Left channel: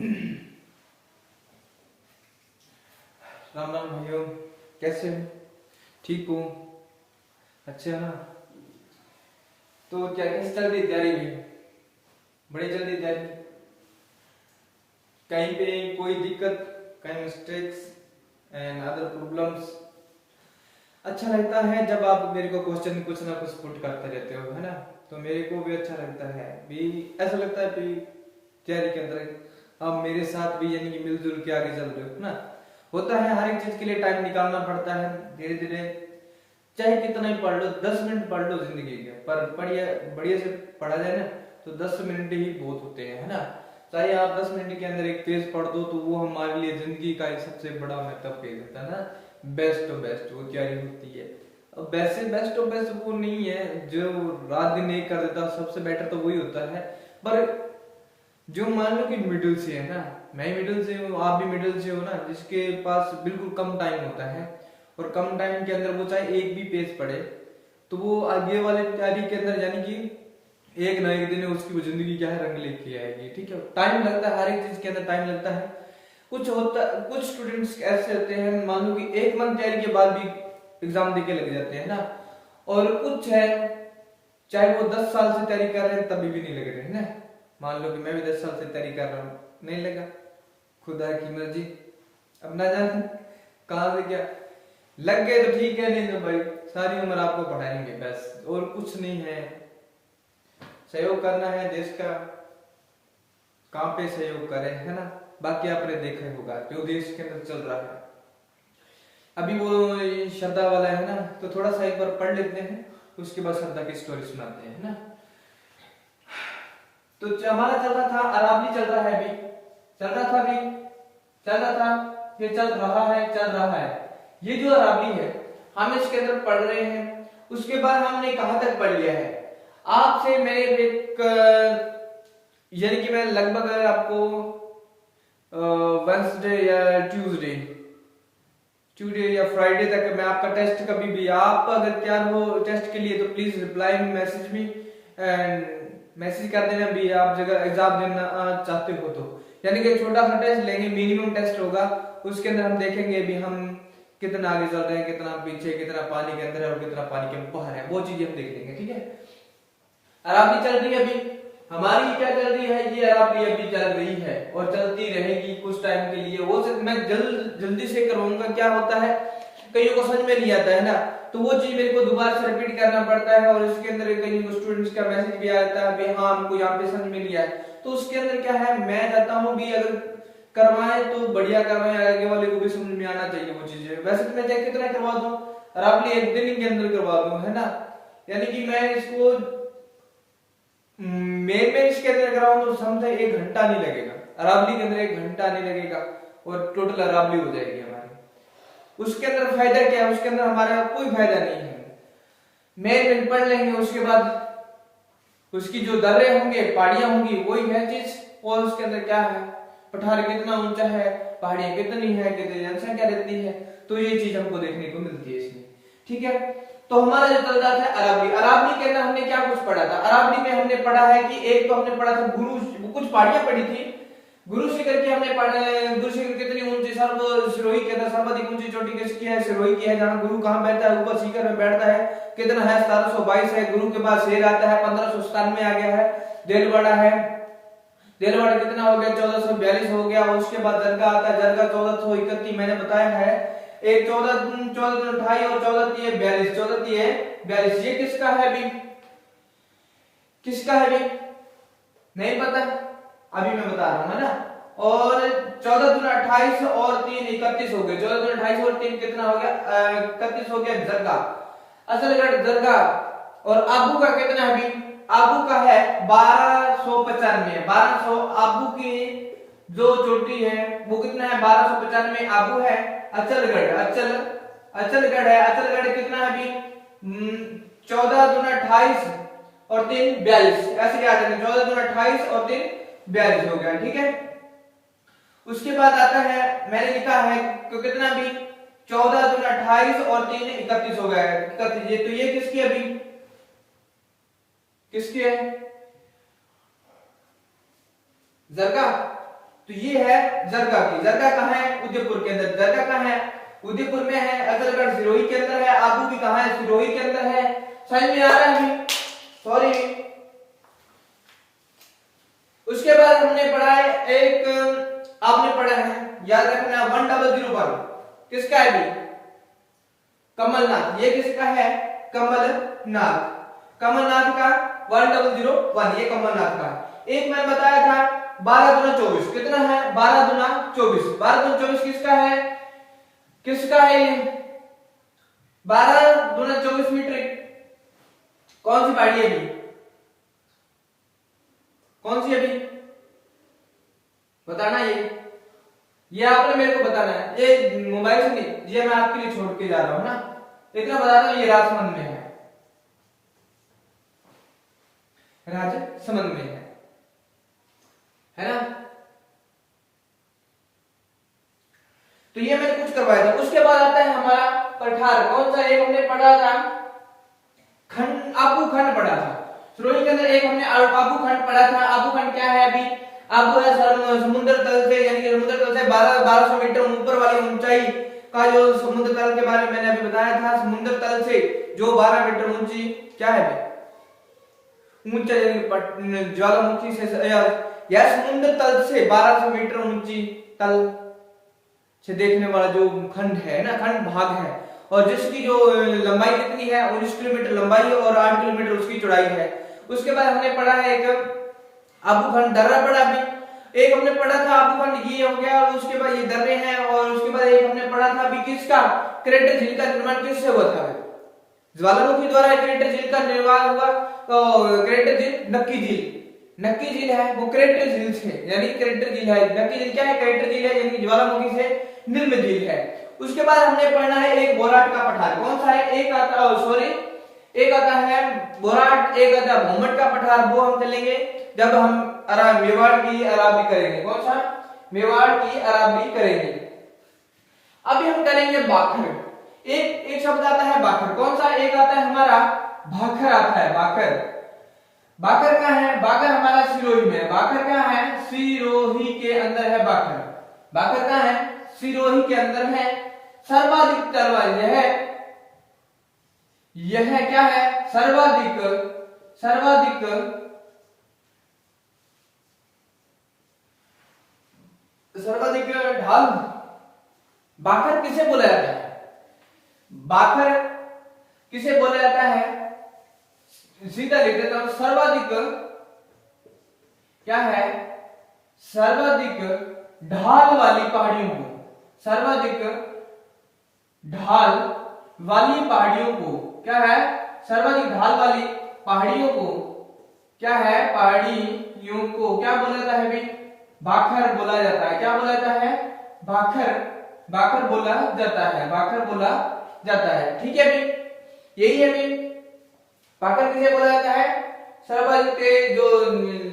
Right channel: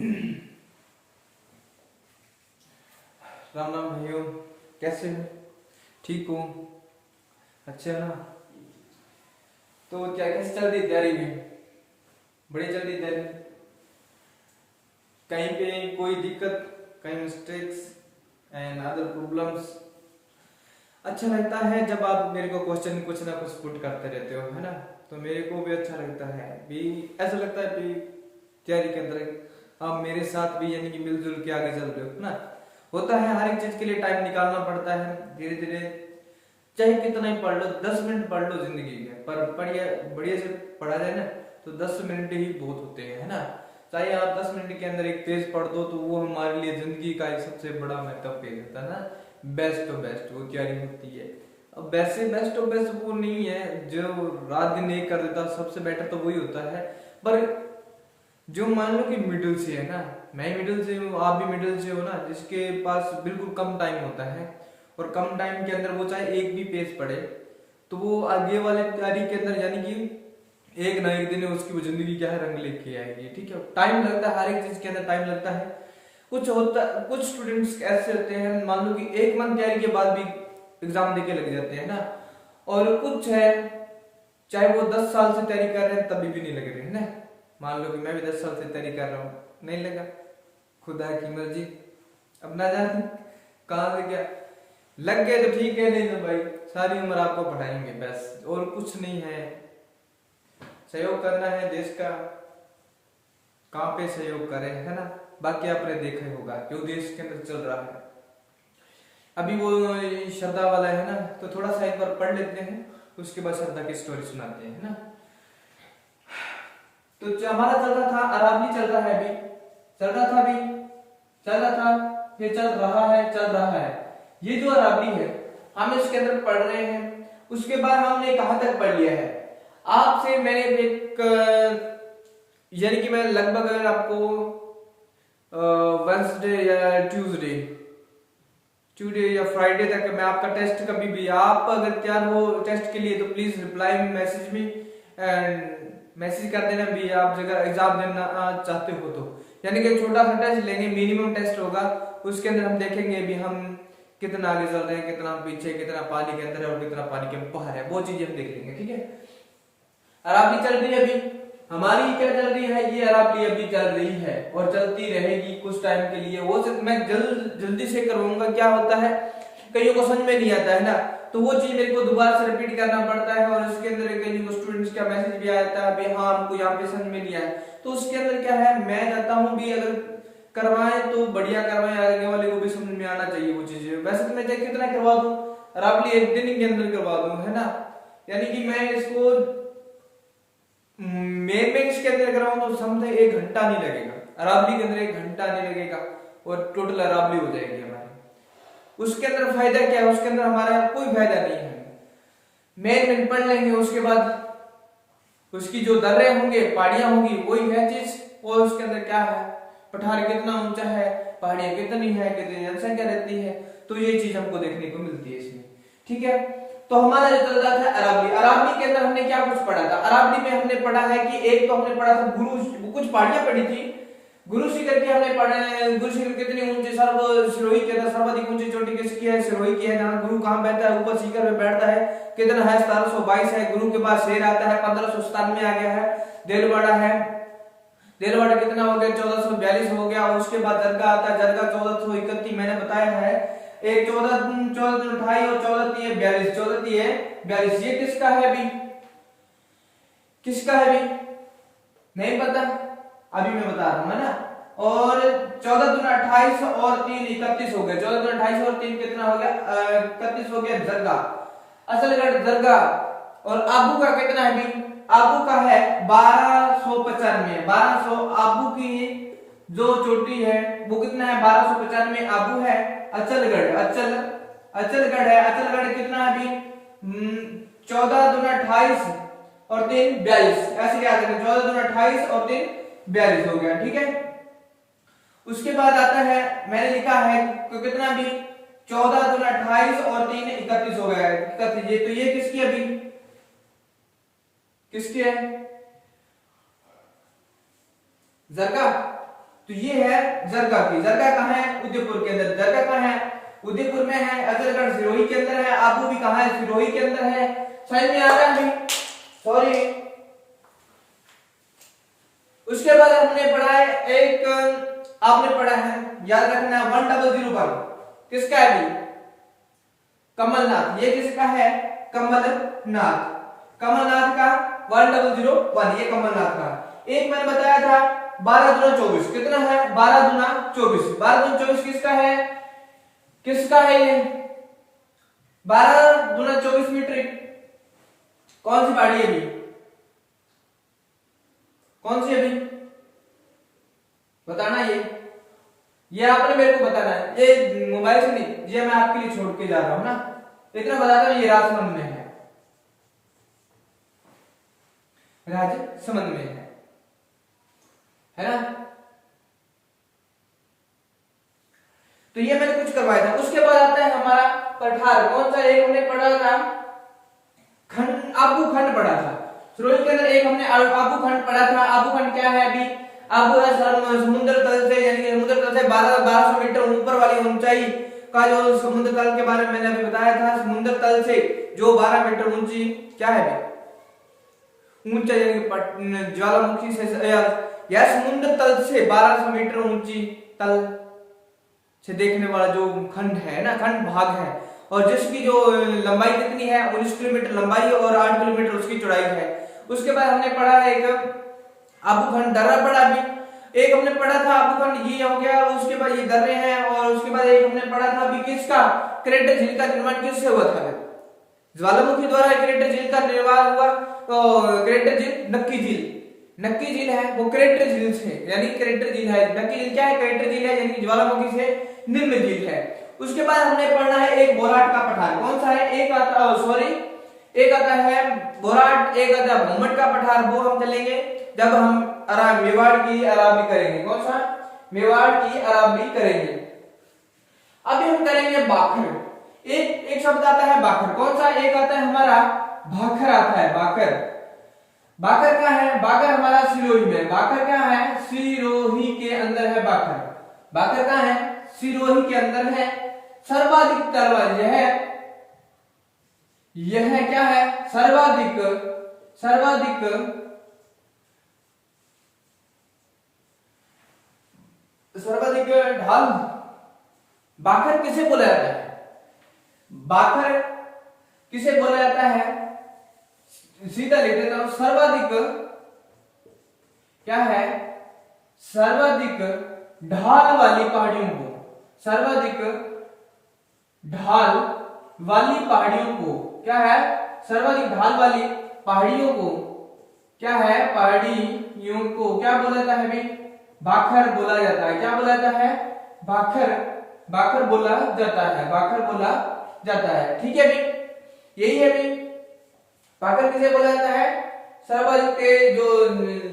राम राम भाइयों, कैसे हो? ठीक हो? अच्छे हो ना? तो क्या कैसे चल रही तैयारी में? बड़ी चल रही तैयारी? कहीं पे कोई दिक्कत, कहीं मिस्टेक्स एंड अदर प्रॉब्लम्स? अच्छा लगता है जब आप मेरे को क्वेश्चन कुछ ना कुछ पुट करते रहते हो, है ना? तो मेरे को भी अच्छा लगता है, भी ऐसा लगता है भी तैयारी के अंदर आप मेरे साथ भी यानी कि मिलजुल के आगे चल रहे हो ना। होता है हर एक चीज के लिए टाइम निकालना पड़ता है, धीरे धीरे चाहे कितना ही पढ़ लो, 10 मिनट पढ़ लो जिंदगी के, पर बढ़िया बढ़िया से पढ़ा जाए ना तो 10 मिनट ही बहुत होते हैं, है ना। चाहे आप 10 मिनट के अंदर एक पेज पढ़ दो तो वो हमारे लिए जिंदगी का एक सबसे बड़ा मेकअप पेज होता है ना। बेस्ट ऑफ बेस्ट वो तैयारी होती है। अब वैसे बेस्ट ऑफ बेस्ट वो नहीं है जो रात दिन एक कर देता, सबसे बेटर तो वही होता है। पर जो मान लो कि मिडिल से है ना, मैं मिडिल से हूँ, आप भी मिडिल से हो ना, जिसके पास बिल्कुल कम टाइम होता है और कम टाइम के अंदर वो चाहे एक भी पेज पढ़े तो वो आगे वाले तैयारी के अंदर यानी कि एक ना एक दिन उसकी वो जिंदगी क्या है रंग लेके आएगी। ठीक है, टाइम लगता है, हर एक चीज के अंदर टाइम लगता है। कुछ स्टूडेंट्स ऐसे होते हैं, मान लो कि एक मंथ तैयारी के बाद भी एग्जाम देके लग जाते हैं ना, और कुछ है चाहे वो 10 साल से तैयारी कर रहे हैं तभी भी नहीं लग रहे हैं ना। मान लो कि मैं भी 10 साल से तैयारी कर रहा हूँ, नहीं लगा, खुदा की मर्जी, अब ना जाने कहां से क्या लग गए तो ठीक है, नहीं तो भाई सारी उम्र आपको पढ़ाएंगे बस, और कुछ नहीं है। सहयोग करना है देश का, कहां पे सहयोग करें, है ना। बाकी आपने देखा ही होगा जो देश के अंदर चल रहा है अभी, वो श्रद्धा वाला है ना, तो थोड़ा सा एक बार पढ़ लेते हैं, उसके बाद श्रद्धा की स्टोरी सुनाते हैं ना। तो हमारा चल रहा था, अरावली चल रहा है अभी, चल रहा था अभी, चल रहा था, ये चल रहा है। ये जो अरावली है हम इसके अंदर पढ़ रहे हैं, उसके बाद हमने कहां तक पढ़ लिया है। आपसे मैंने एक यानी कि मैं लगभग आपको वेंसडे या ट्यूसडे या फ्राइडे तक मैं आपका टेस्ट, कभी भी आप अगर तैयार हो टेस्ट के लिए तो please reply message me and message कर देना भी आप जगह एग्जाम देना चाहते हो तो, यानी कि छोटा सा टेस्ट लेंगे, मिनिमम टेस्ट होगा, उसके अंदर हम देखेंगे भी हम कितना आगे चल रहे हैं, कितना पीछे, कितना पानी के अंदर है और कितना पानी के बाहर है, वो चीजें हम देख लेंगे। ठीक है, अरावली चल रही है अभी हमारी, क्या चल रही है, ये अरावली अभी चल रही है और चलती रहेगी कुछ टाइम के लिए। वो मैं जल्दी से करवाऊंगा, क्या होता है कईयों को समझ में नहीं आता है ना, तो वो चीज मेरे को दोबारा से रिपीट करना पड़ता है, और इसके अंदर कई स्टूडेंट्स का मैसेज भी आता है भी हाँ हमको यहाँ पे समझ में नहीं आया, तो उसके अंदर क्या है मैं चाहता हूँ भी अगर करवाएं तो बढ़िया करवाएं, आगे वाले को भी समझ में आना चाहिए वो चीजें। वैसे तो मैं चाहे कितना करवा दूं, अरावली एक दिन के अंदर करवा दूं, है ना, यानी कि मैं इसको मेन इसके अंदर कराऊं तो समझे 1 घंटा नहीं लगेगा, अरावली के अंदर 1 घंटा नहीं लगेगा और टोटल अरावली हो जाएगी हमारी। उसके अंदर फायदा क्या है, उसके अंदर हमारे कोई फायदा नहीं है, मेन पढ़ लेंगे, उसके बाद उसकी जो दर्रे होंगे, पहाड़ियां होंगी, वही है चीज, और उसके अंदर क्या है, पठार कितना ऊंचा है, पहाड़ियां कितनी है, कितनी जनसंख्या रहती है, तो ये चीज हमको देखने को मिलती है इसमें। ठीक है, तो हमारा जो चल रहा था अरावली, अरावली के अंदर हमने क्या कुछ पढ़ा था। अरावली में हमने पढ़ा है कि एक तो हमने पढ़ा था गुरु, कुछ पहाड़ियां पढ़ी थी, गुरु शिखर की हमने पढ़ा है, गुरु शिखर कितनी ऊंची, सिरोही के अंदर सर्वाधिक ऊंची चोटी किसकी है, सिरोही की है, जहां गुरु कहां बैठता है, ऊपर शिखर में बैठता है, कितना है 1722 है, गुरु के बाद शेर आता है 1597 आ गया है, देलवाड़ा है, देलवाड़ा कितना हो गया 1442 हो गया, और उसके बाद दरगाह आता है, दरगाह 1431 मैंने बताया है, एक 1428 और 1442, ये किसका है अभी, किसका है अभी नहीं पता, अभी मैं बता रहा हूं, है ना। और 14 और 3 31 हो गया, 14 और 3 कितना हो गया 31 हो गया, दरगाह असलगढ़ दरगाह। और आबू का कितना है अभी, आबू का है 1295, 1200 आबू की जो चोटी है वो कितना है 1295 आबू है। अचलगढ़ अचलगढ़ है, अचलगढ़ कितना है अभी 14 दूना 28 और 3 42, ऐसे याद रखें, 14 दूना 28 और 3 42 हो गया। ठीक है, उसके बाद आता है मैंने लिखा है तो कितना अभी 14 दूना 28 और 3 31 हो गया है, 31, तो ये किसकी अभी किसकी है, दरगाह तो ये है जरगा की। जरगा कहाँ है? उदयपुर के अंदर। जरगा कहाँ है? उदयपुर में है। अजरगढ़ सिरोही के अंदर है। आबू भी कहाँ है? सिरोही के अंदर है। समझ में आ रहा है? सॉरी। उसके बाद हमने पढ़ा है एक, आपने पढ़ा है, याद रखना 100 किसका है भी? कमलनाथ। ये किसका है? कमलनाथ। कमलनाथ का 1001, ये कमलनाथ का। एक मैंने बताया था 12 दूना 24 कितना है? 12 दूना 24। 12 दूना 24 किसका है? किसका है ये? 12 दूना 24 मीट्रिक। कौन सी पहाड़ी है अभी? कौन सी अभी बताना। ये आपने मेरे को बताना है, ये मोबाइल से नहीं, ये मैं आपके लिए छोड़ के जा रहा हूं ना। इतना बताता हूं, ये राजसमंद में है। राजसमंद में है ना? तो ये मैंने कुछ करवाया था। उसके बाद आता है हमारा पठार। कौन सा? एक हमने पढ़ा था खंड, आबू खंड पढ़ा था। सिरोही के अंदर एक हमने आबू खंड पढ़ा था। आबू खंड क्या है अभी? आबू है समुद्र तल से, यानी कि समुद्र तल से 1200 मीटर ऊपर वाली ऊंचाई का जो समुद्र तल के बारे में मैंने अभी बताया था। समुद्र तल से जो 12 मीटर ऊंची क्या है? ऊंचा, यानी ज्वालामुखी से या समुद्र तल से 1200 मीटर ऊंची तल से देखने वाला जो खंड है ना, खंड भाग है, और जिसकी जो लंबाई कितनी है? 19 किलोमीटर लंबाई और 8 किलोमीटर उसकी चौड़ाई है। उसके बाद हमने पढ़ा है एक आबू खंड दर्रा पढ़ा भी। एक हमने पढ़ा था आबू खंड, ये हो गया। उसके बाद ये दर्रे हैं। और उसके बाद एक हमने पढ़ा था अभी किसका? क्रेटर झील का निर्माण किससे हुआ था? ज्वालामुखी द्वारा क्रेटर झील का निर्माण हुआ। तो क्रेटर झील नक्की झील, नक्की झील है वो क्रेटर झील से, यानी क्रेटर झील है। नक्की झील क्या है? क्रेटर झील है, यानी ज्वालामुखी से निर्मित झील है। उसके बाद हमने पढ़ना है एक बोराट का पठार। कौन सा है? एक आता है बोराट, एक आता है भूमट का पठार। वो हम चलेंगे जब हम मेवाड़ की अरावली करेंगे। कौन सा? मेवाड़ की अरावली करेंगे। अभी हम करेंगे बाखर। एक शब्द आता है बाखर। कौन सा? एक आता है हमारा भाखर आता है। बाखर, बाखर क्या है? बाखर हमारा सिरोही में। बाखर क्या है? सिरोही के अंदर है बाखर। बाखर क्या है? सिरोही के अंदर है। सर्वाधिक तलवार यह क्या है? सर्वाधिक ढाल। बाखर किसे बोला जाता है? बाखर किसे बोला जाता है? सीधा लिख देता हूं, सर्वाधिक क्या है? सर्वाधिक ढाल वाली पहाड़ियों को, सर्वाधिक ढाल वाली पहाड़ियों को क्या है? सर्वाधिक ढाल वाली पहाड़ियों को क्या है? पहाड़ियों को क्या बोला जाता है भाई? बाखर बोला जाता है। क्या बोला जाता है? बाखर, बाखर बोला जाता है। बाखर बोला जाता है। ठीक है भाई, यही है भाई। बाखर किसे बोला जाता है? सर्वाधिक तेज, जो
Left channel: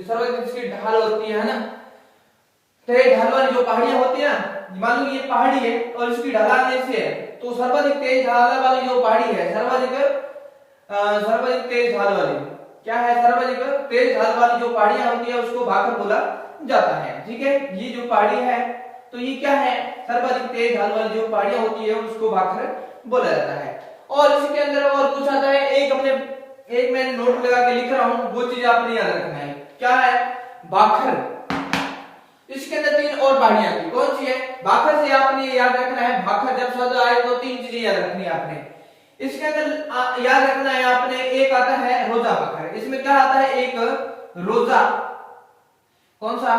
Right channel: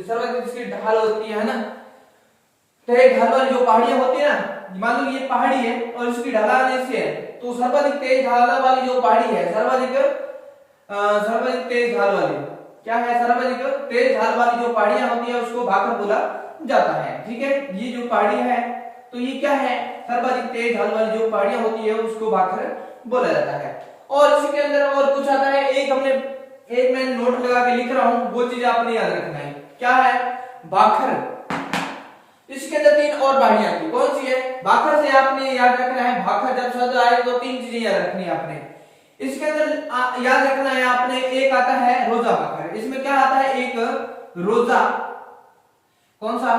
सर्वाधिक जिसकी ढाल होती है ना, तेज ढाल वाली जो पहाड़ियां होती है ना, मान लो ये पहाड़ी है और इसकी ढलान ऐसे है, तो सर्वाधिक तेज ढाल वाली जो पहाड़ी है, सर्वाधिक तेज ढाल वाली क्या है? सर्वाधिक तेज ढाल वाली जो पहाड़ियां होती है उसको बाखर बोला जाता है। ठीक है, ये जो पहाड़ी है तो ये क्या है? सर्वाधिक तेज ढाल वाली जो पहाड़ियां होती है उसको बाखर बोला जाता है। और इसी के अंदर और कुछ आता है। एक मैं नोट लगा के लिख रहा हूं, वो चीज आपने याद रखना है। क्या है? बाखर। इसके अंदर 3 और पहाड़ियां थी। कौन सी है? बाखर से आपने याद रखना है, बाखर जब शब्द आए तो 3 चीजें याद रखनी है आपने। इसके अंदर याद रखना है आपने, एक आता है रोजा बाखर। इसमें क्या आता है? एक रोजा, कौन सा?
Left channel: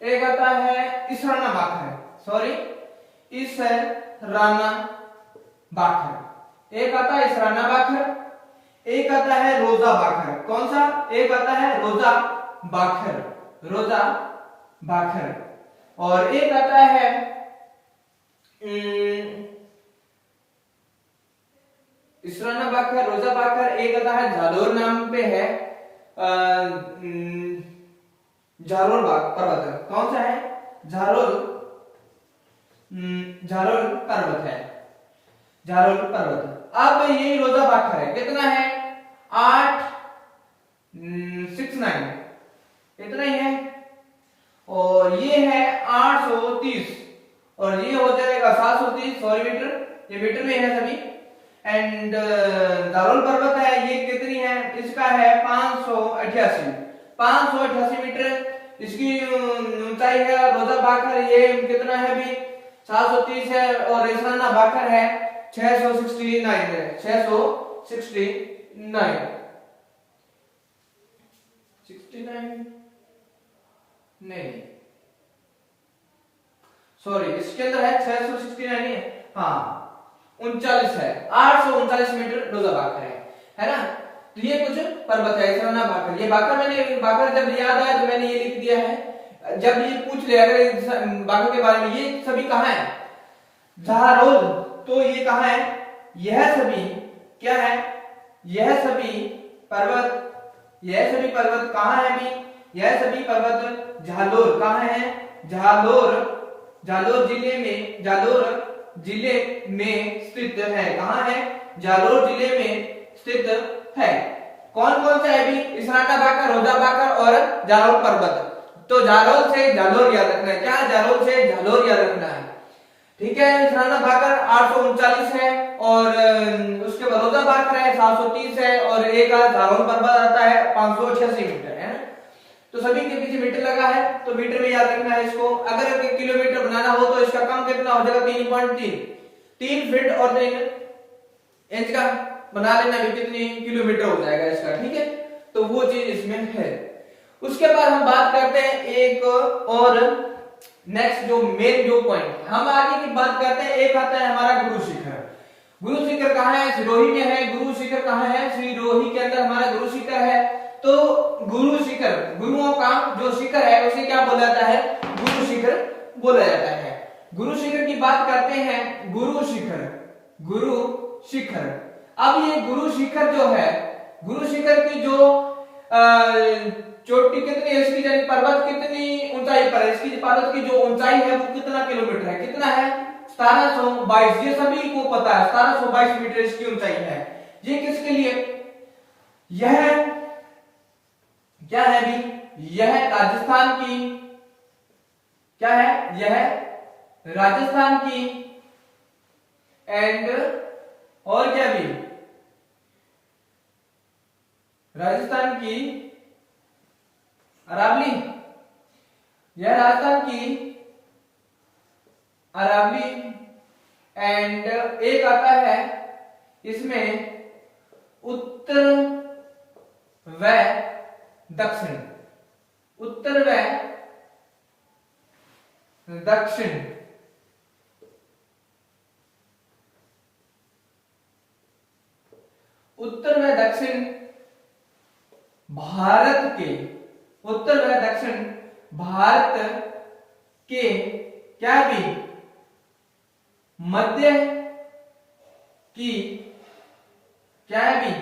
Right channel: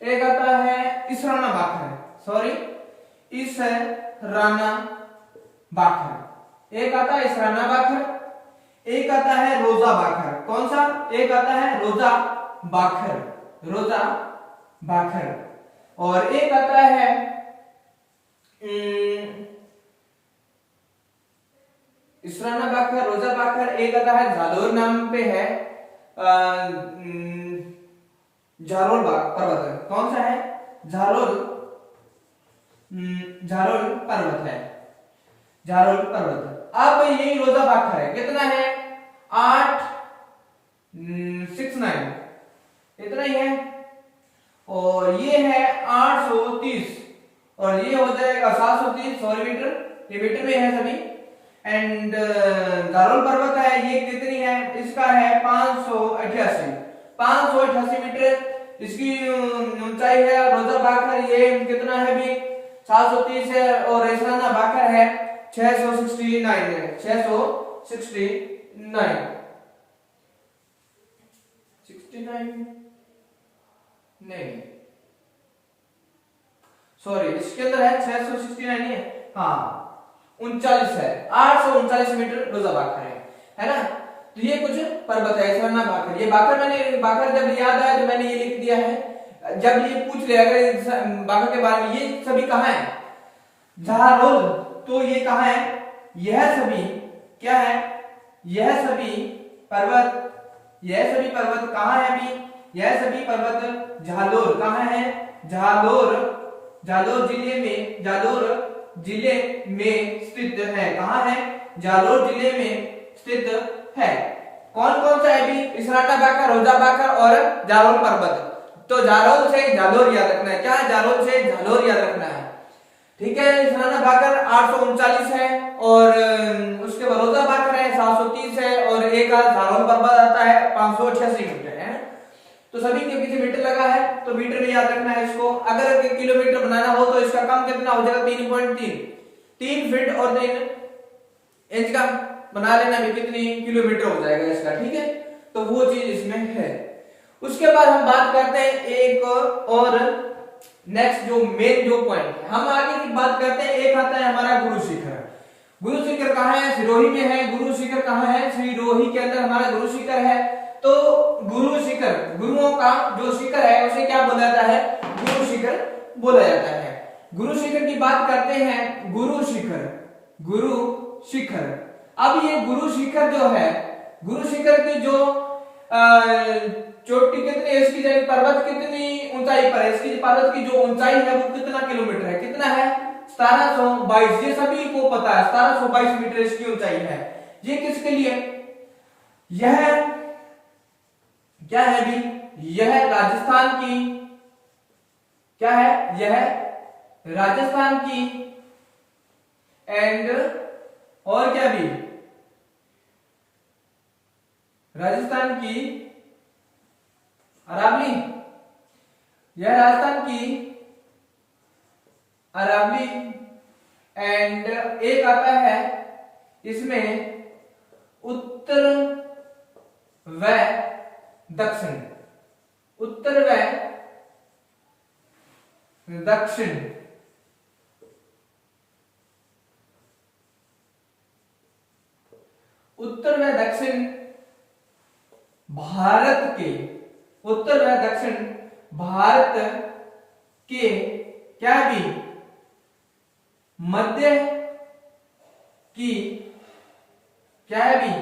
एक आता है इसराना बाखर, सॉरी इसराना बाखर। एक आता है इसराना बाखर, एक आता है रोजा बाखर। कौन सा? एक आता है रोजा बाखर, रोजा बाखर। और एक आता है इसराना बाखर, रोजा बाखर। एक आता है जालोर नाम पे है, झारोल पर्वत। कौन सा है? झारोल पर्वत है, झारोल पर्वत। अब यही रोजा बाखर है। कितना है? 8 6 9, इतना ही है। और ये है 830 और ये हो जाएगा 730 सॉरी मीटर, ये मीटर में है सभी। एंड दारोल पर्वत है, ये कितनी है, इसका है 588 मीटर इसकी ऊंचाई है। रोजा बाकर ये कितना है भी 730 है और रेसाना बाकर है 669 है, 669 नहीं सॉरी इसके अंदर है 669 है, हाँ 39 है, 839 मीटर रोजा बाकर है ना। तो ये कुछ पर्वत है इसराना बाकर। ये बाकर मैंने बाकर जब याद आया तो मैंने ये लिख दिया है। जब ये पूछ लिया अगर बाकर के बारे में, ये सभी कहाँ है, झारोल, तो ये कहाँ है, यह सभी क्या है, यह सभी पर्वत कहाँ है भी, यह सभी पर्वत झालोर कहाँ है, जालोर जिले में स्थित है। कहाँ है, जालोर जिले में स्थित है। कौन कौन सा है भी, इसराना बाकर, रोजा बाकर और जालोर पर्वत। तो जालोर से जालोर याद रखना है, क्या है, जालोर से जालोर याद रखना है, ठीक है। इसराना बाकर 839 है और उसके बाद रोजा बाकर है 730 है और एक जालोर पर्वत आता है 588 मीटर है। तो सभी के पीछे मीटर लगा है तो मीटर में याद रखना है इसको। अगर किलोमीटर बनाना हो तो इसका कम कितना हो जाएगा, 3 फीट और 3 इंच का बना लेना भी कितनी किलोमीटर हो जाएगा इसका, ठीक है। तो वो चीज इसमें है। उसके बाद हम बात करते हैं एक और नेक्स्ट जो मेन जो पॉइंट है, हम आगे की बात करते हैं। एक आता है हमारा गुरु शिखर। गुरु शिखर कहाँ है, सिरोही में है। गुरु शिखर कहाँ है, सिरोही के अंदर हमारा गुरु शिखर है। तो गुरु शिखर, गुरुओं का जो शिखर है उसे क्या बोला जाता है, गुरु शिखर बोला जाता है। गुरु शिखर की बात करते हैं, गुरु शिखर। अब ये गुरु शिखर जो है, गुरु शिखर की जो चोटी कितनी है इसकी, यानी पर्वत कितनी ऊंचाई पर है, इसकी पर्वत की जो ऊंचाई है वो कितना किलोमीटर है, कितना है 1722। ये सभी को पता है 1722 मीटर इसकी ऊंचाई है। ये किसके लिए, यह क्या है भी, यह राजस्थान की, क्या है, यह राजस्थान की एंड और क्या भी, राजस्थान की अरावली, यह राजस्थान की अरावली एंड एक आता है इसमें उत्तर व दक्षिण, उत्तर व दक्षिण। उत्तर व दक्षिण भारत के, उत्तर व दक्षिण भारत के क्या भी मध्य की क्या है भी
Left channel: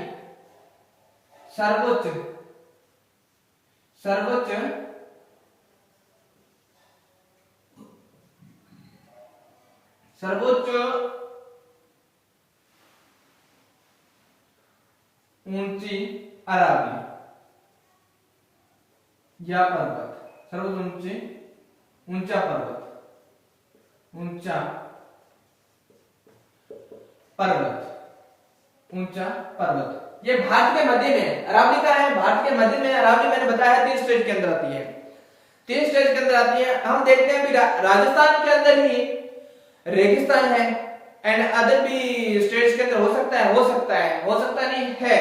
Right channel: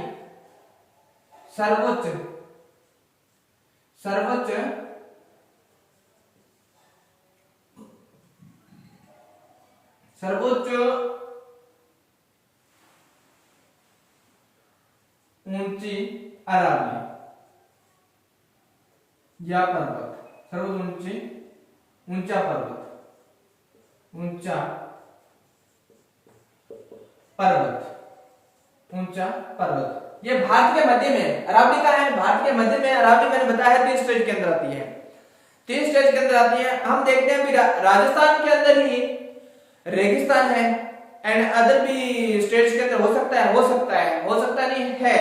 सर्वोच्च ऊंची अरावली या पर्वत, सर्वोच्च ऊंचा पर्वत, ये भारत के मध्य में है। अरावली का है भारत के मध्य में। अरावली मैंने बताया 3 स्टेट के अंदर आती है, 3 स्टेट के अंदर आती है। हम देखते हैं राजस्थान के अंदर ही रेगिस्तान है एंड अदर भी स्टेट्स के अंदर हो सकता नहीं है।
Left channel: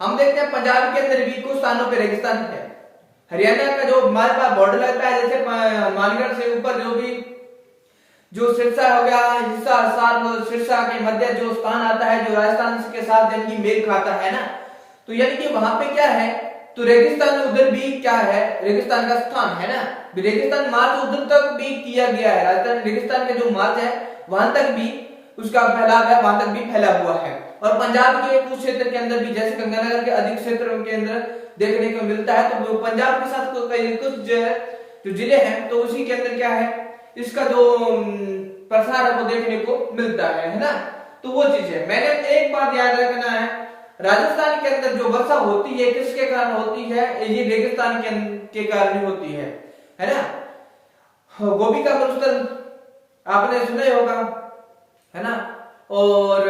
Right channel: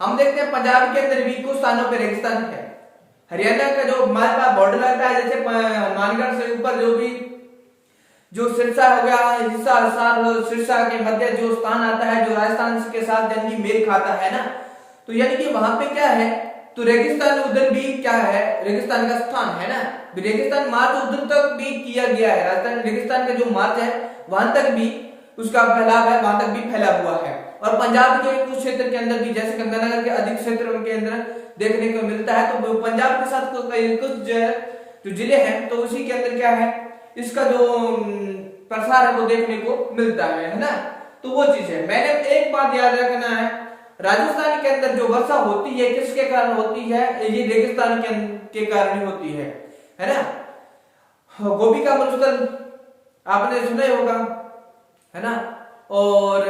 हम देखते हैं पंजाब के अंदर भी कुछ स्थानों पे रेगिस्तान है। हरियाणा का जो हमारे पास बॉर्डर रहता है, जैसे मानगढ़ से ऊपर जो सिरसा हो गया, सिरसा के मध्य जो स्थान आता है जो राजस्थान के साथ यानी कि मेल खाता है ना, तो यानी कि वहां पे क्या है, तो रेगिस्तान उधर भी क्या है, रेगिस्तान का स्थान है ना। रेगिस्तान मार्च उधर तक भी किया गया है। राजस्थान रेगिस्तान का जो मार्च है वहां तक भी उसका फैलाव है, वहां तक भी फैला हुआ है। और पंजाब के कुछ क्षेत्र के अंदर भी, जैसे गंगानगर के अधिक क्षेत्र के अंदर देखने को मिलता है। तो पंजाब के साथ कुछ जो जिले हैं तो उसी के अंदर क्या है, इसका जो प्रसार है वो देखने को मिलता है ना। तो वो चीज है। मैंने एक बात याद रखना है, राजस्थान के अंदर जो वर्षा होती है किसके कारण होती है, ये रेगिस्तान के कारण होती है ना। गोभी का मुश्किल आपने सुना ही होगा, है ना। और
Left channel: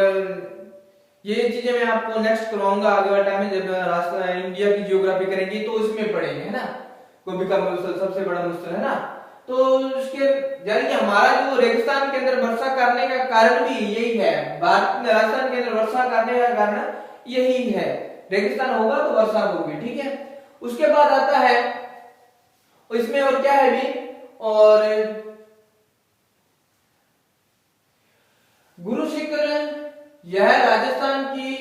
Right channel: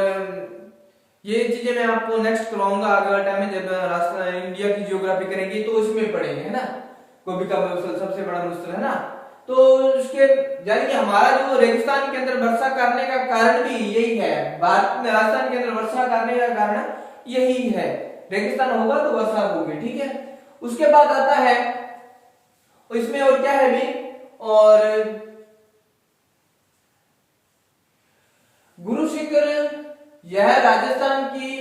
ये चीजें मैं आपको नेक्स्ट करवाऊंगा आगे वाले टाइम में, जब रास्ता इंडिया की जियोग्राफी करेंगे तो उसमें पढ़ेंगे, है ना। गोभी का मुश्किल सबसे बड़ा मुश्किल, है ना। तो उसके यानी कि हमारा जो रेगिस्तान के अंदर वर्षा करने का कारण भी यही है, भारत में राजस्थान के अंदर वर्षा करने का कारण यही है, रेगिस्तान होगा तो वर्षा होगी, ठीक है। उसके बाद आता है इसमें और क्या है भी, और गुरु शिखर, यह राजस्थान की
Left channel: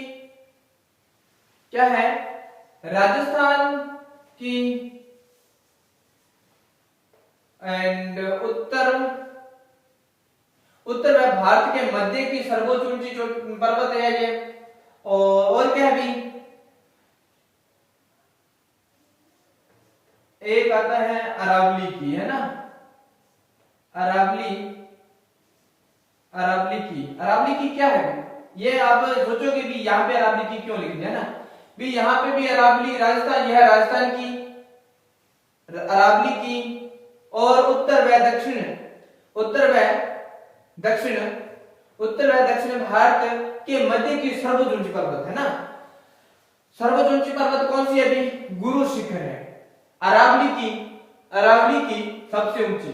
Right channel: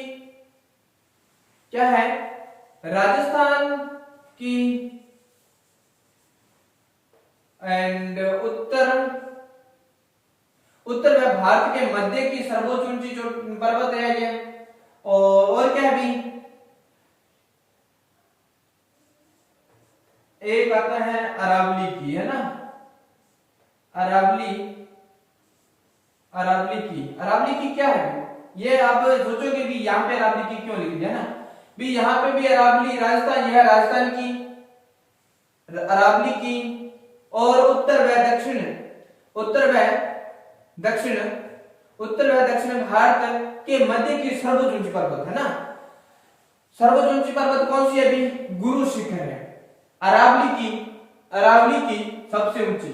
क्या है, राजस्थान की एंड उत्तर में भारत के मध्य की सर्वोच्च ऊंची पर्वत है ये। और क्या भी, एक आता है अरावली की, है ना, अरावली की क्या है, ये आप सोचोगे भी यहाँ पे अरावली की क्यों लिख दिया ना, भी यहाँ पे भी अरावली राजस्थान, यह राजस्थान की अरावली की, और उत्तर व दक्षिण भारत के मध्य की सर्वोच्च ऊंची पर्वत, है ना। सर्वोच्च ऊंची पर्वत कौन सी है अभी, गुरु शिखर है। अरावली की सबसे ऊंची,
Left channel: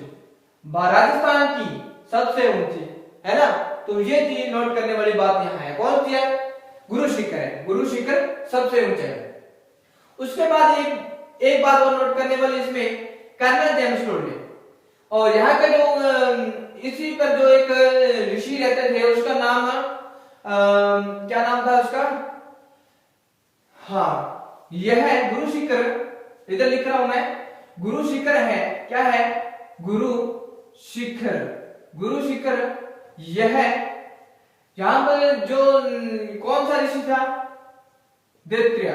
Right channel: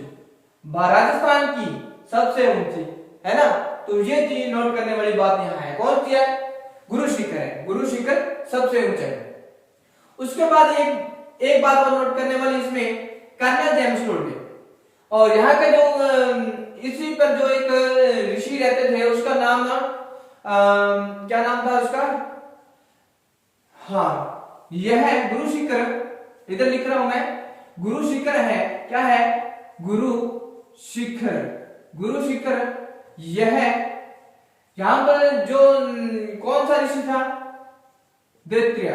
राजस्थान की सबसे ऊंची, है ना। तो ये चीज नोट करने वाली बात यहाँ है, कौन सी है, गुरु शिखर है, गुरु शिखर सबसे ऊंचा है। उसके बाद एक बात और नोट करने वाली इसमें, कर्नल जेम्सटोन में, और यहाँ का जो इसी पर जो एक ऋषि रहते थे उसका नाम क्या नाम था उसका, हाँ यह है गुरु शिखर, इधर लिख रहा हूं मैं, गुरु शिखर है, क्या है, गुरु शिखर यह यहां पर जो कौन सा ऋषि था, दैत्रेय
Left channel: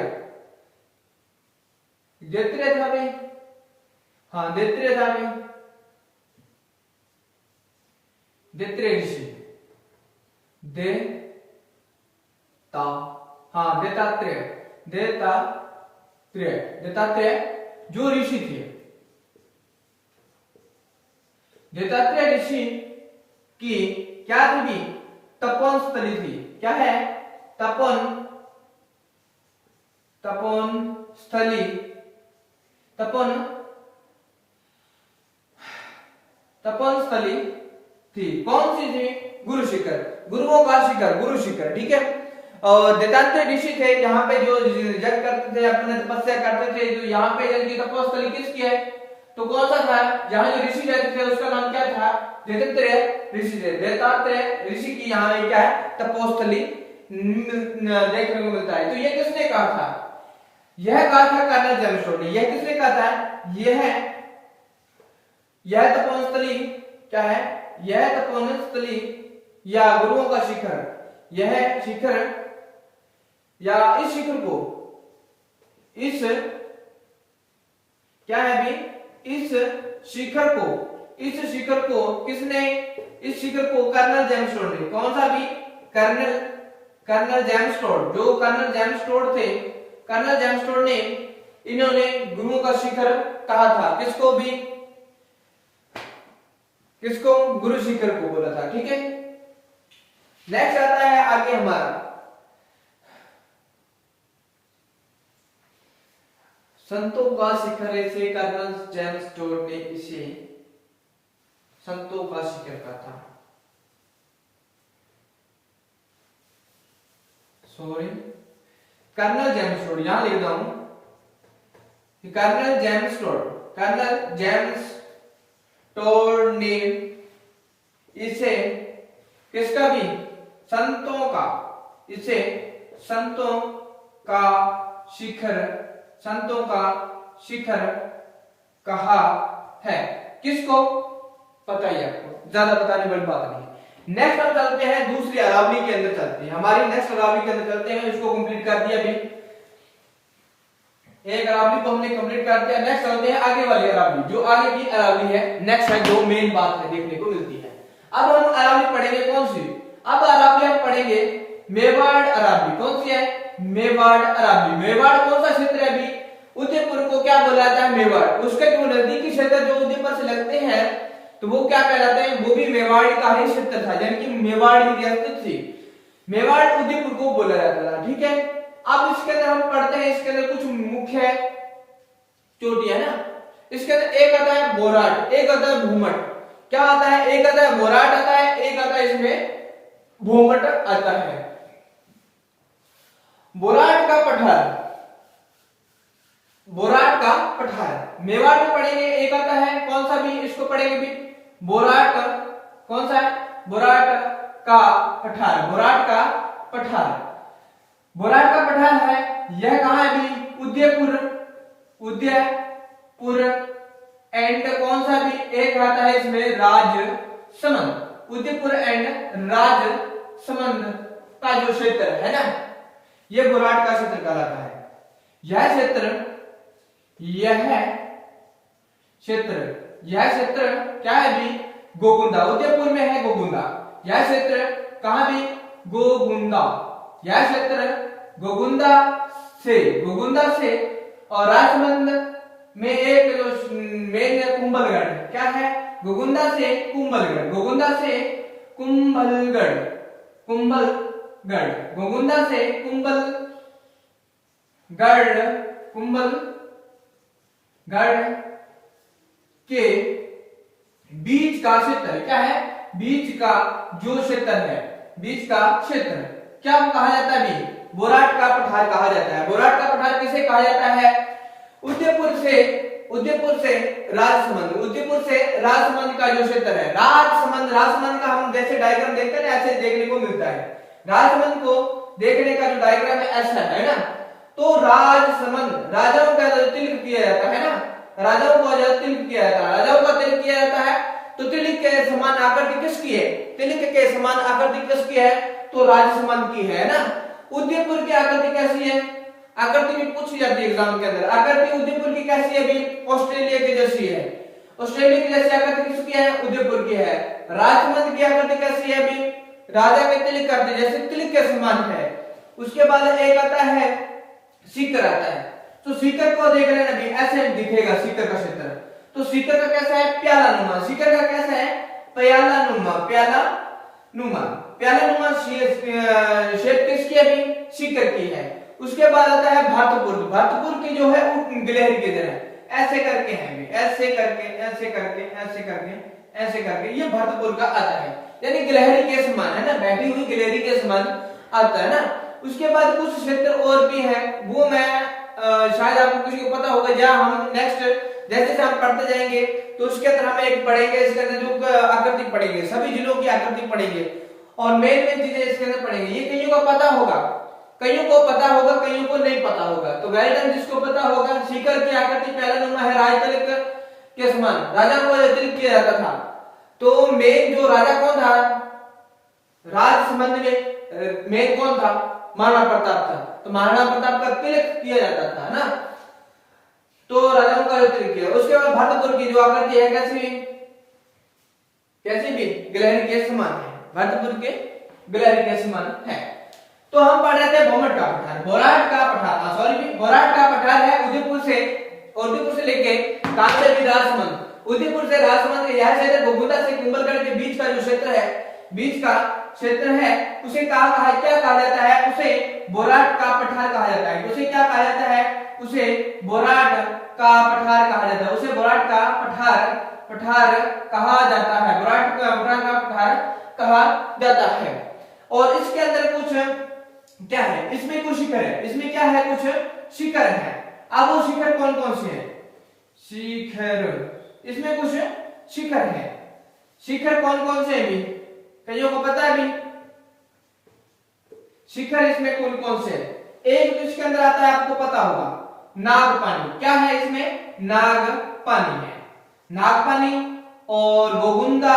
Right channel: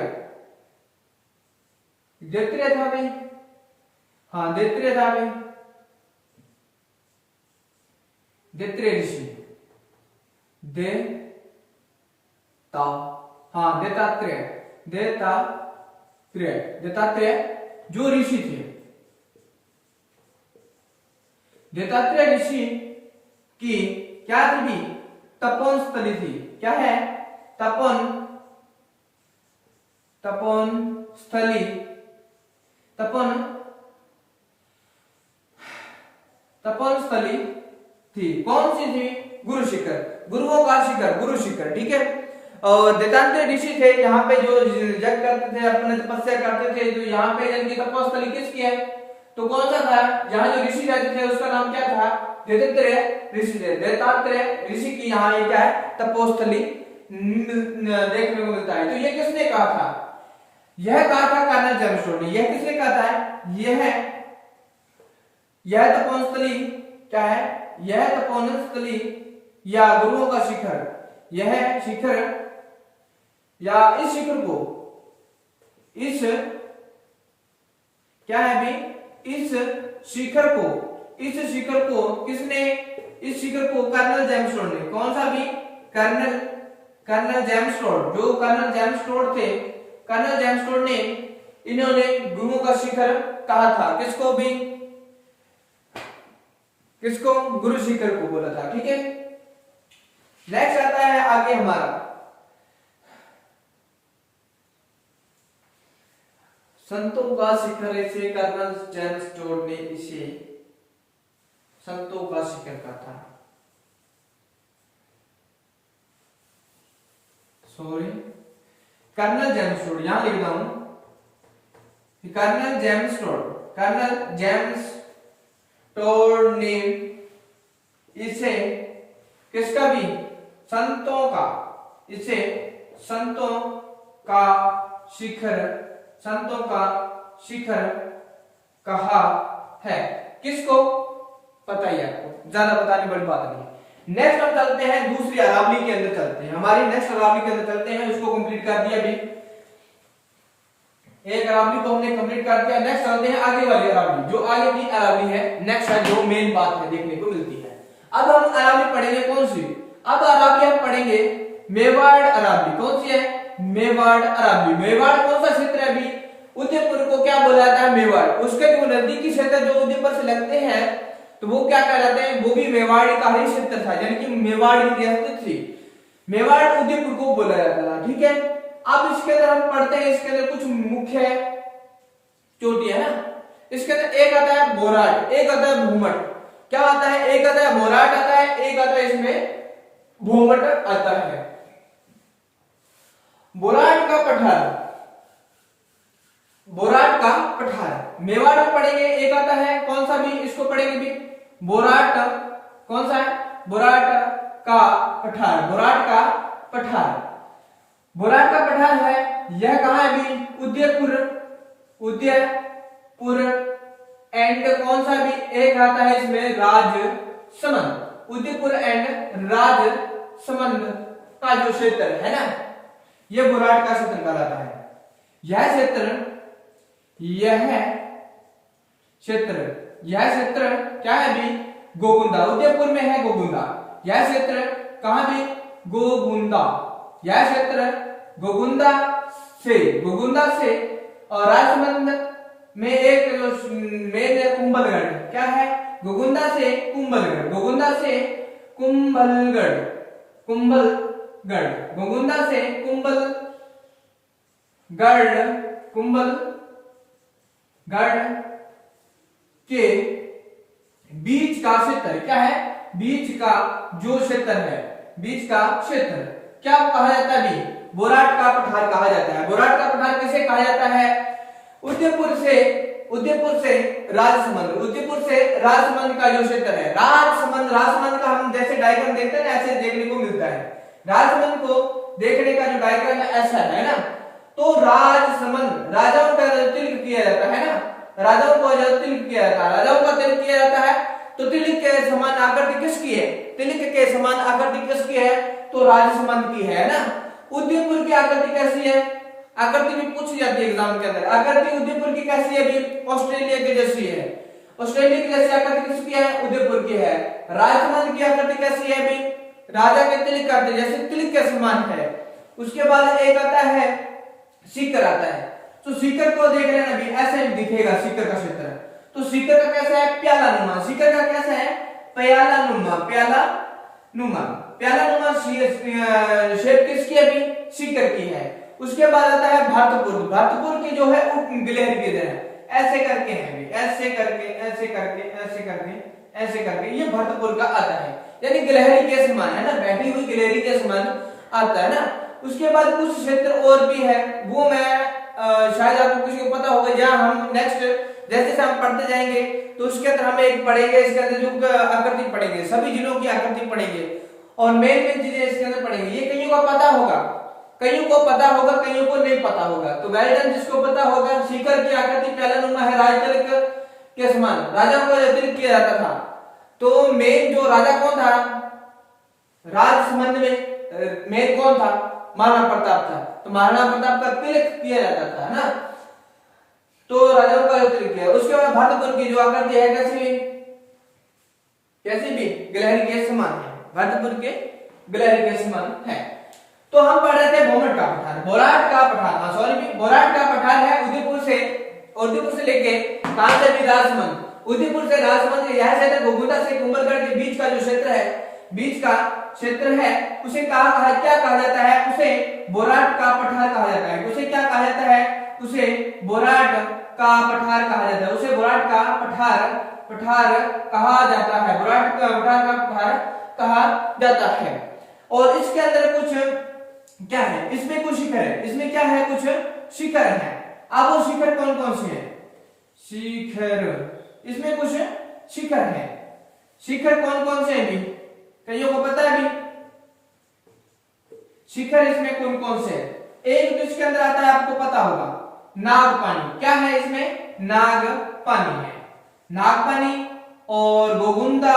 था भाई, हाँ दैत्रेय था भाई, दैत्रेय ऋषि, दत्तात्रेय जो ऋषि थे, दत्तात्रेय ऋषि की क्या थी भी, तपोवन स्थली थी, क्या है, तपोवन स्थली थी, कौन सी थी, गुरु शिखर, गुरुओं का शिखर, गुरु शिखर, ठीक है। और दत्तात्रेय ऋषि थे, यहाँ पे जो जग करते थे, अपने तपस्या करते थे, जो यहाँ पे जिनकी तपोस्थली किसकी है, तो कौन सा था, यहाँ जो ऋषि रहते थे उसका नाम क्या था, दत्तात्रेय ऋषि थे। दत्तात्रेय ऋषि की यहाँ क्या है, तपोस्थली देखने को मिलता है। तो ये किसने कहा था, यह कहा था कर्नल जेम्सटोन ने। यह किसने कहा था, यह तपोस्थली क्या है, यह तपोस्थली या गुरुओं का शिखर, यह शिखर या इस शिखर को, इस क्या है भी, इस शिखर को किसने, इस शिखर को कर्नल जेम्सटोन ने, कौन सा भी, कर्नल जेम्सटोन, जो कर्नल जेम्सटोन थे, कर्नल जेम्सटोन ने इन्होंने गुरुओं का शिखर कहा था, किसको भी, किसको, गुरु शिखर को बोला था, ठीक है। नेक्स्ट आता है आगे हमारा संतों का शिखर, ऐसे कर्नल जेम्सटोन ने इसे संतों का शिखर कहा था, सॉरी कर्नल जेम्सटोन, यहां लिख रहा हूं, कर्नल जेम्सटोन ने इसे किसका भी, संतों का, इसे संतों का शिखर कहा है, किसको, पता ही आपको, ज्यादा बताने वाली बात नहीं है। नेक्स्ट हम चलते हैं दूसरी अरावली के अंदर, चलते हैं हमारी नेक्स्ट अरावली के अंदर चलते हैं, इसको कंप्लीट कर दिया अभी, एक अरावली को हमने कंप्लीट कर दिया। नेक्स्ट चलते हैं आगे वाली अरावली, जो आगे की अरावली है, नेक्स्ट है जो मेन बात है देखने को मिलती है। अब हम अरावली पढ़ेंगे कौन सी, अब अरावली हम पढ़ेंगे मेवाड़ अरावली, कौन सी है, मेवाड़ अरावली। मेवाड़ कौन सा क्षेत्र है अभी, उदयपुर को क्या बोला जाता है, मेवाड़, उसके जो नजदीकी क्षेत्र जो उदयपुर से लगते हैं तो वो क्या कहलाते हैं, वो भी मेवाड़ी का ही क्षेत्र था, यानी कि मेवाड़ इतिहास थी। मेवाड़ उदयपुर को बोला जाता था, ठीक है। अब इसके अंदर हम पढ़ते हैं, इसके अंदर कुछ मुख्य चोटी है ना। इसके अंदर एक आता है बोराट, एक आता है भूमट। क्या आता है, एक आता है बोराट आता है, एक आता है इसमें भूमट आता है। बोराट का पठार, बोराट का पठार मेवाड़ में पढ़ेंगे। एक आता है कौन सा भी, इसको पढ़ेंगे भी, बोराट। कौन सा है, बोराट का पठार, बोराट का पठार। बोराट का पठार है, यह कहां है भी, उदयपुर, उदयपुर एंड कौन सा भी, एक आता है इसमें राजसमंद, उदयपुर एंड राजसमंद का जो क्षेत्र है ना, यह बोराट का क्षेत्र कहलाता है। यह क्षेत्र क्या है भी, गोगुंदा, उदयपुर में है गोगुंदा। यह क्षेत्र कहां भी, गोगुंदा, यह क्षेत्र गोगुंदा से और राजसमंद में एक जो मेन है कुंभलगढ़, क्या है, गोगुंदा से कुंभलगढ़, गोगुंदा से कुंभलगढ़, गोगुंदा से कुंभलगढ़ के बीच का क्षेत्र क्या है, बीच का जो क्षेत्र है, बीच का क्षेत्र क्या कहा जाता है भी, बोराट का पठार कहा जाता है। बोराट का पठार किसे कहा जाता है, उदयपुर से राजसमंद का जो क्षेत्र है, राजसमंद का हम जैसे डायग्राम देखते हैं ऐसे देखने को मिलता है। राजसमंद को देखने का जो डायग्राम है ऐसा है ना। तो राजसमंद, राजाओं का तिलक किया जाता है ना, राजाओं को तिलक किया जाता है, राजाओं का तिलक किया जाता है। तो तिलक के समान आकृति किसकी है, तिलक के समान आकृति किसकी है, तो राजसमंद की है ना। उदयपुर की आकृति कैसी है, आकृति भी पूछी जाती है एग्जाम के अंदर। आकृति उदयपुर की कैसी है भी, ऑस्ट्रेलिया की जैसी है। ऑस्ट्रेलिया की जैसी आकृति किसकी है, उदयपुर की है। राजसमंद की आकृति कैसी है भी, राजा के तिलक करते जैसे तिलक के समान है। उसके बाद एक आता है सीकर आता है। तो सीकर को देख लेना भी, ऐसे दिखेगा सीकर का क्षेत्र। तो सीकर का कैसा है, प्याला नुमा। सीकर का कैसा है, प्याला नुमा, प्याला नुमा शेप किसकी है भी, सीकर की है। उसके बाद आता है भरतपुर की जो है वो गिलहरी की तरह ऐसे करके है भी, ऐसे करके ये भरतपुर का आता है, यानी गिलहरी के समान है ना, बैठी हुई गिलहरी के समान आता है ना। उसके बाद कुछ क्षेत्र और भी है, वो मैं शायद आपको किसी को पता होगा, जहां हम नेक्स्ट जैसे हम पढ़ते जाएंगे तो उसके अंदर हम एक पढ़ेंगे, इसके अंदर जो आकृति पढ़ेंगे, सभी जिलों की आकृति पढ़ेंगे और मेन चीजें इसके अंदर पढ़ेंगे। ये कईयों को पता होगा, कईयों को नहीं पता होगा। तो वेल डन, जिसको पता होगा, सीकर की आकृति प्यालानुमा है, राजतिलक के समान, राजा को तिलक किया जाता था। तो मेन जो राजा कौन था, राजसमंद में मेन कौन था, महाराणा प्रताप था। तो महाराणा प्रताप का तिलक किया जाता था ना, तो राजाओं का तिलक किया। उसके बाद भरतपुर की जो आकृति है कैसी भी गिलहरी के समान है, भरतपुर के गिलहरी के समान है। तो हम पढ़ रहे थे बोराट का पठार, बोराट का पठार है उदयपुर से लेके कहां से भी, राजसमंद, उदयपुर से राजसमंद के यह क्षेत्र गोगुंदा से कुंभलगढ़ के बीच का जो क्षेत्र है, बीच का क्षेत्र है, उसे क्या कहा जाता है, उसे बोराट का पठार कहा जाता है। उसे क्या कहा जाता है, उसे बोराट का पठार कहा जाता है, उसे बोराट का पठार कहा जाता है, बोराट का पठार कहा जाता है। और इसके अंदर कुछ क्या है, इसमें कुछ शिखर है, इसमें क्या है, कुछ शिखर है। अब वो शिखर कौन कौन से हैं, इसमें कुछ शिखर है। शिखर कौन कौन से हैं भी, कईयों को पता है भी, शिखर इसमें कौन कौन से हैं। एक तो इसके अंदर आता है, आपको पता होगा, नागपानी। क्या है इसमें, नागपानी है, नागपानी और गोगुंदा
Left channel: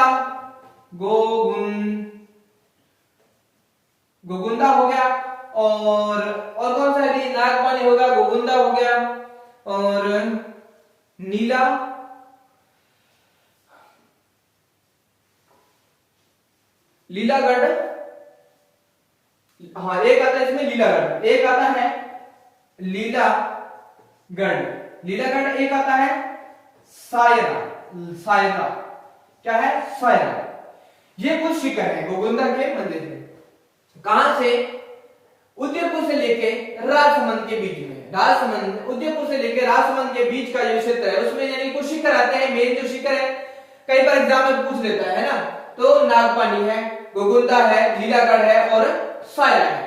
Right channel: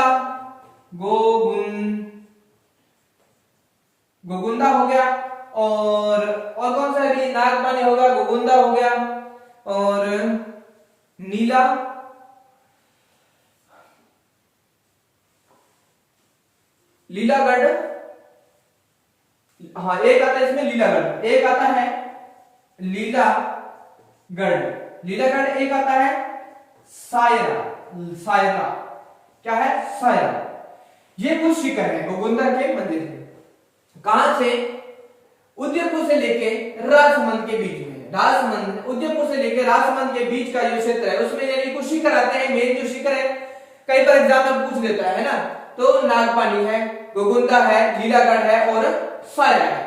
हो गया, और कौन सा है, नागपानी हो गया, गोगुंदा हो गया, और लीलागढ़, हाँ एक आता है इसमें लीलागढ़, एक आता है लीलागढ़, एक आता है सायरा, क्या है, सायरा। ये कुछ शिखर है गोगुंदा के मंदिर में। कहां से, उदयपुर से लेके राजसमंद के बीच में, राजसमंद उदयपुर से लेके राजसमंद के बीच का जो क्षेत्र है उसमें यानी कुछ शिखर आते हैं। मेन जो शिखर है कई बार एग्जाम में पूछ लेता है ना, तो नागपानी है, गोगुंदा है, लीलागढ़ है और सायरा है।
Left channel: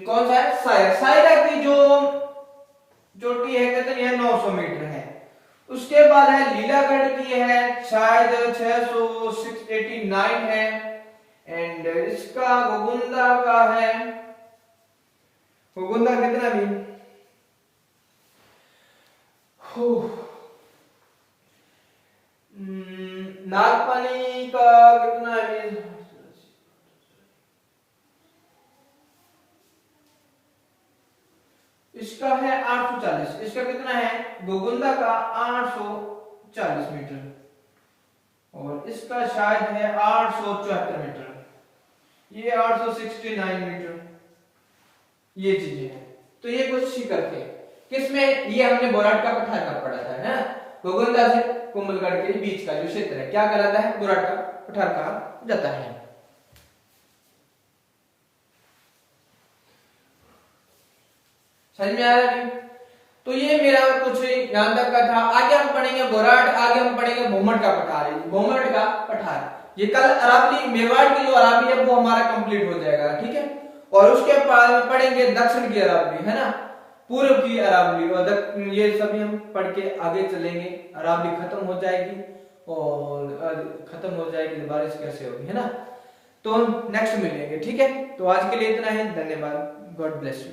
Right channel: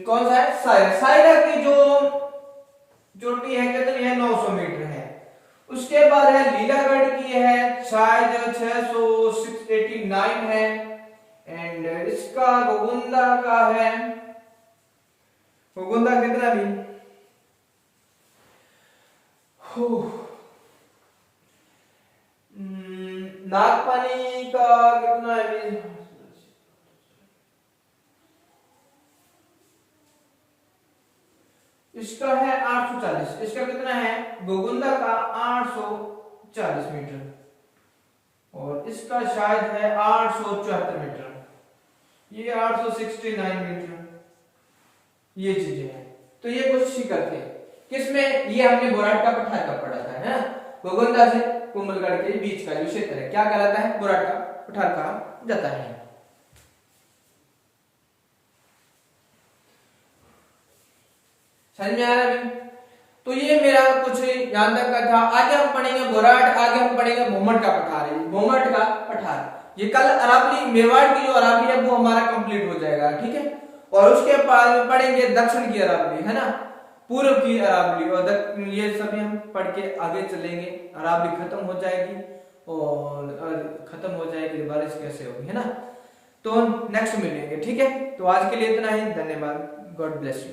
कौन सा है, सायरा। सायरा की जो चोटी है कितनी है, 900 मीटर है। उसके बाद है लीलागढ़ की है शायद 689 है। एंड इसका गोगुंदा का है, गोगुंदा कितना भी नागपानी का कितना है, इसका है 840। इसका कितना है, गोगुंदा का 840 मीटर और इसका शायद है 874 मीटर, ये 869 मीटर, ये चीजें हैं। तो ये कुछ शिखर थे किसमें, ये हमने बोराट का पठार का पढ़ा था ना, गोगुंदा से कुंभलगढ़ के बीच का जो क्षेत्र है क्या कहलाता है, बोराट का पठार कहा जाता है। समझ में आया अभी? तो ये मेरा कुछ यहां तक का था। आगे हम पढ़ेंगे बोराट, आगे हम पढ़ेंगे भोमट का पठार, भोमट का पठार। ये कल अरावली मेवाड़ की जो अरावली है वो हमारा कंप्लीट हो जाएगा, ठीक है। और उसके बाद पढ़ेंगे दक्षिण की अरावली, है ना, पूर्व की अरावली, और ये सभी हम पढ़ के आगे चलेंगे। अरावली खत्म हो जाएगी और खत्म हो जाएगी, बारिश कैसे होगी, है ना। तो नेक्स्ट मिलेंगे, ठीक है। तो आज के लिए इतना ही, धन्यवाद, गॉड ब्लेस यू।